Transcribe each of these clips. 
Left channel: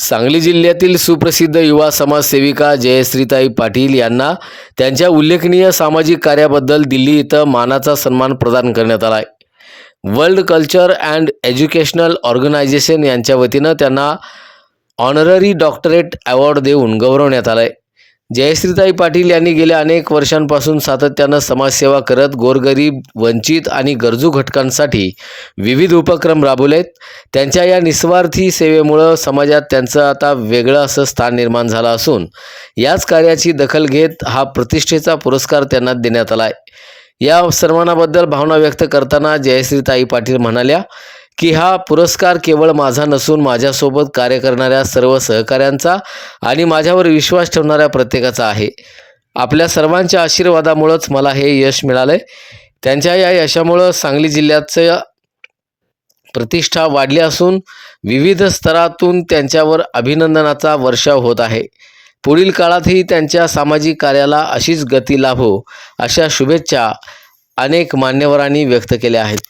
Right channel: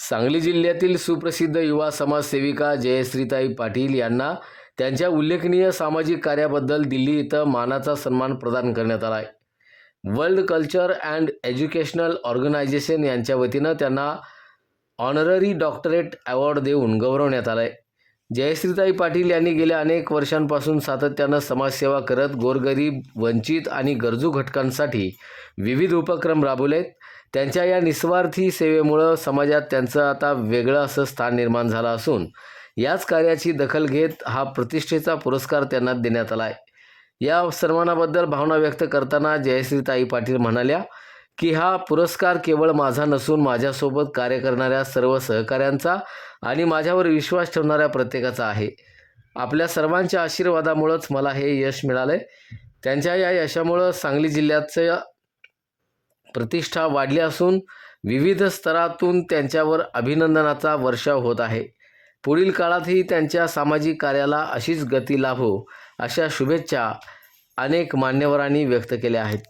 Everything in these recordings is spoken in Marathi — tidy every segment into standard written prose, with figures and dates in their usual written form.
सांगली जिल्ह्यातील सुप्रसिद्ध युवा समाजसेविका जयश्रीताई पाटील यांना त्यांच्या उल्लेखनीय सामाजिक कार्याबद्दल दिल्ली इथं मानाचा सन्मान प्रदान करण्यात आला आहे। World culture and educational organisation यांच्या वतीनं त्यांना ऑनररी डॉक्टरेट अवॉर्ड देऊन गौरवण्यात आलं आहे। जयश्रीताई पाटील यांनी गेल्या अनेक वर्षांपासून सातत्यानं समाजसेवा करत गोरगरीब, वंचित आणि गरजू घटकांसाठी विविध उपक्रम राबवलेत। त्यांच्या या निस्वार्थी सेवेमुळे समाजात त्यांचं आता वेगळं असं स्थान निर्माण झालं असून याच कार्याची दखल घेत हा प्रतिष्ठेचा पुरस्कार त्यांना देण्यात आला आहे। या सन्मानाबद्दल भावना व्यक्त करताना जयश्रीताई पाटील म्हणाल्या की हा पुरस्कार केवळ माझा नसून माझ्यासोबत कार्य करणाऱ्या सर्व सहकाऱ्यांचा आणि माझ्यावर विश्वास ठेवणाऱ्या प्रत्येकाचा आहे। आपल्या सर्वांच्या आशीर्वादामुळेच मला हे यश मिळाले। त्यांच्या या यशामुळे सांगली जिल्ह्याची प्रतिष्ठा वाढली असून विविध स्तरातून त्यांच्यावर अभिनंदनाचा वर्षाव होत आहे। पुढील काळातही त्यांच्या सामाजिक कार्याला अशीच गती लाभो अशा शुभेच्छा अनेक मान्यवरांनी व्यक्त केल्या आहेत।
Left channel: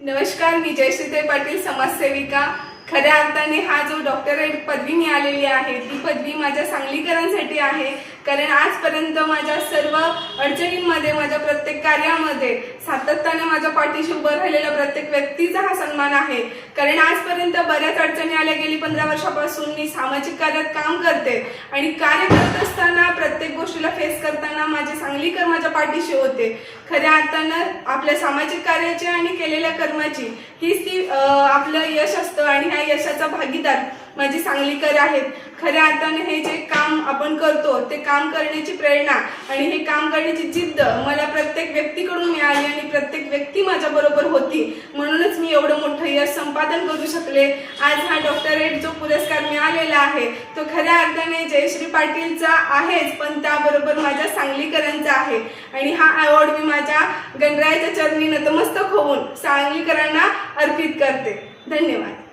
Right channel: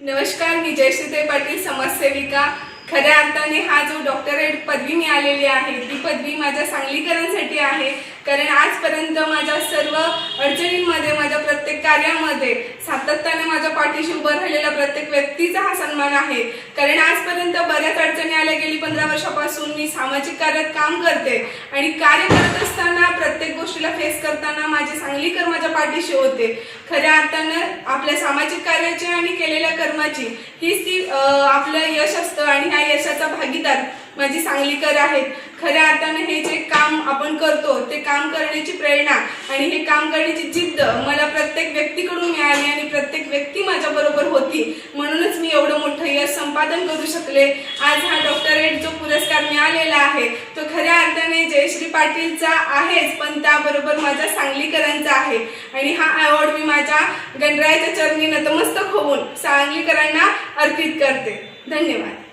नमस्कार, मी जयश्रीताई पाटील, समाजसेविका। खऱ्या अर्थाने हा जो डॉक्टरेट पदवी मिळालेली आहे ती पदवी माझ्या सांगलीकरांसाठी आहे, कारण आजपर्यंत माझ्या सर्व अडचणींमध्ये, माझ्या प्रत्येक कार्यामध्ये सातत्याने माझ्या पाठीशी उभं राहिलेल्या प्रत्येक व्यक्तीचा हा सन्मान आहे। कारण आजपर्यंत बऱ्याच अडचणी आल्या, गेली 15 वर्षापासून मी सामाजिक कार्यात काम करते आणि कार्य करत असताना प्रत्येक गोष्टीला फेस करताना माझे सांगलीकर माझ्या पाठीशी होते। खऱ्या अर्थानं आपल्या सामाजिक कार्याची आणि केलेल्या कर्माची हीच ती आपलं यश असतं आणि ह्या यशाचा भागीदार माझी सांगलीकर आहेत। खऱ्या अर्थानं हे जे काम आपण करतो ते काम करण्याची प्रेरणा आणि हे काम करण्याची जिद्द मला प्रत्येक व्यक्तीकडून मिळाली आणि प्रत्येक व्यक्ती माझ्या बरोबर होती, म्हणूनच मी एवढं मोठं यश संपादन करू शकले। आज हा डॉक्टरेट जो पुरस्कार मिळालेला आहे तो खऱ्या अर्थाने जयश्री पाटीलचा आहेच, पण त्याबरोबर माझ्या सांगलीकरांचा आहे आणि हा अवॉर्ड मी माझ्या गणरायाच्या चरणी नतमस्तक होऊन सांगलीकरांना अर्पित करते। धन्यवाद।